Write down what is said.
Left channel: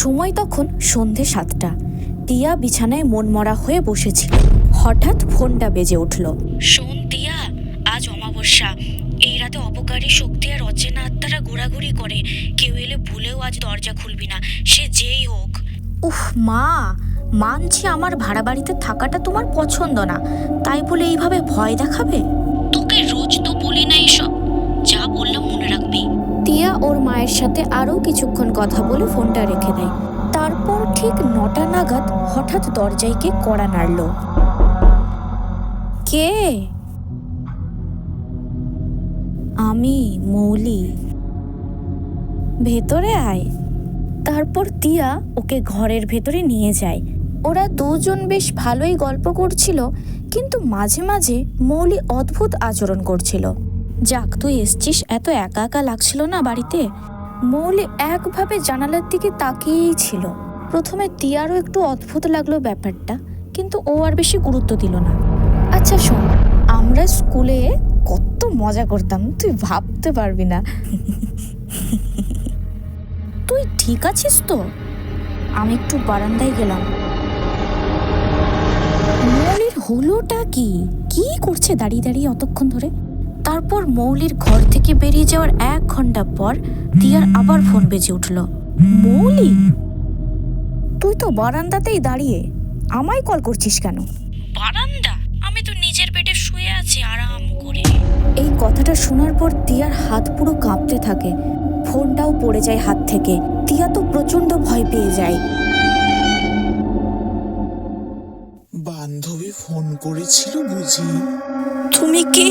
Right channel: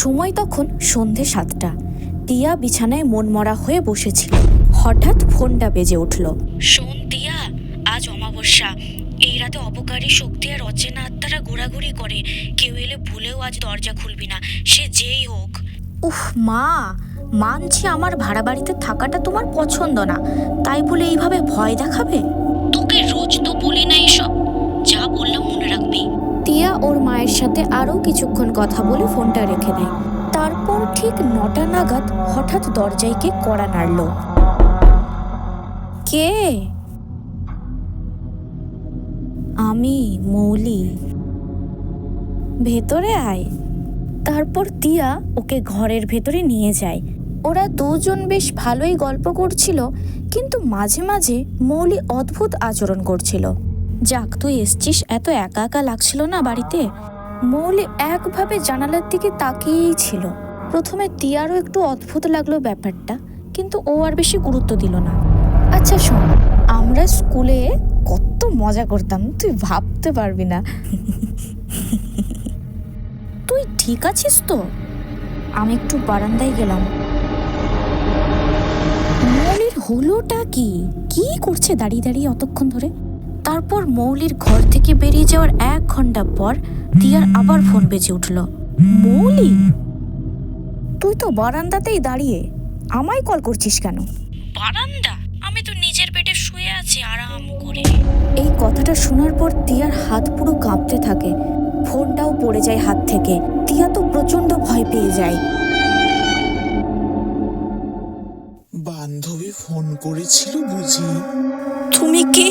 সময় তখন সন্ধে 7টা। টিয়া বিছানায় মনমরা হয়ে বসেছিল। হঠাৎ ফোনটা বেজে উঠল। শোন টিয়া, আজ অমাবস্যা। এই রাতে অপকারী শক্তি আর অচেনা আত্মারা ঘোরাঘুরি করে। কেউ এলে ভুলেও আজ দরজা খুলবি না, সে যেই হোক। উফ মা, মানছি আমার ভাড়া বাড়িতে থাকাটা তোমার পছন্দ না, তাই বলে এইভাবে ভয় দেখাবে? তোকে রোজ তো বলি না এসব, যা বললাম মনে রাখবি। টিয়া ওর মায়ের সাথে আরও কিছুক্ষণ কথা বলে ফোনটা রেখে দেয়। তারপর ঠিক 9টা নাগাদ হঠাৎ দরজায় কে কড়া নাড়ল। কে? আমি, মৌলি। ভেতরে আয়। তারপর টিয়া ওকে ঘরের ভেতরে নিয়ে যায়। ওরা দুজন বেশ ভালোই গল্প করছিল, কিন্তু মাঝে মাঝে মৌলি অদ্ভুত আচরণ করছিল। যাক, তুই এসছিস, এত একা একা লাগছিল না বাড়িতে? মৌলি একভাবে জানালার দিকে তাকিয়েই ছিল। প্রথমে টিয়ারও একটু অদ্ভুত লাগলো ব্যাপারটা, কিন্তু ও আর বেশি গুরুত্ব দিল না। আচ্ছা শোন, আমরা স্কুলে কত মজা করতাম, তুই ভাবতে পারবি না। তুই ঠিক আছিস তো? আমি একটু বারান্দায় গেলাম। মৌলির হলোটা কি? কি করছে দাঁড়িয়ে দাঁড়িয়ে অতক্ষণ ধরে? তারপর মৌলির ঘর থেকে বেরিয়ে যাওয়ার 1 ঘন্টা পর টিয়ার আবার ফোন বেজে উঠল। মৌলি, তুই তো বারান্দাতেই দাঁড়িয়ে, আমায় কল করছিস কেন? বারান্দা? আমি তো নিজের বেডে শুয়ে আছি আরাম করে। এই কথাটা শোনার পর টিয়ার হাত পুরো কাঁপতে থাকে। ফোনটাও পড়ে যায় হাত থেকে। টিয়া তো প্রচন্ড ভয় পেয়ে যায়। বান্ধবী ফোন করেছিল বুঝি? তুমি কে?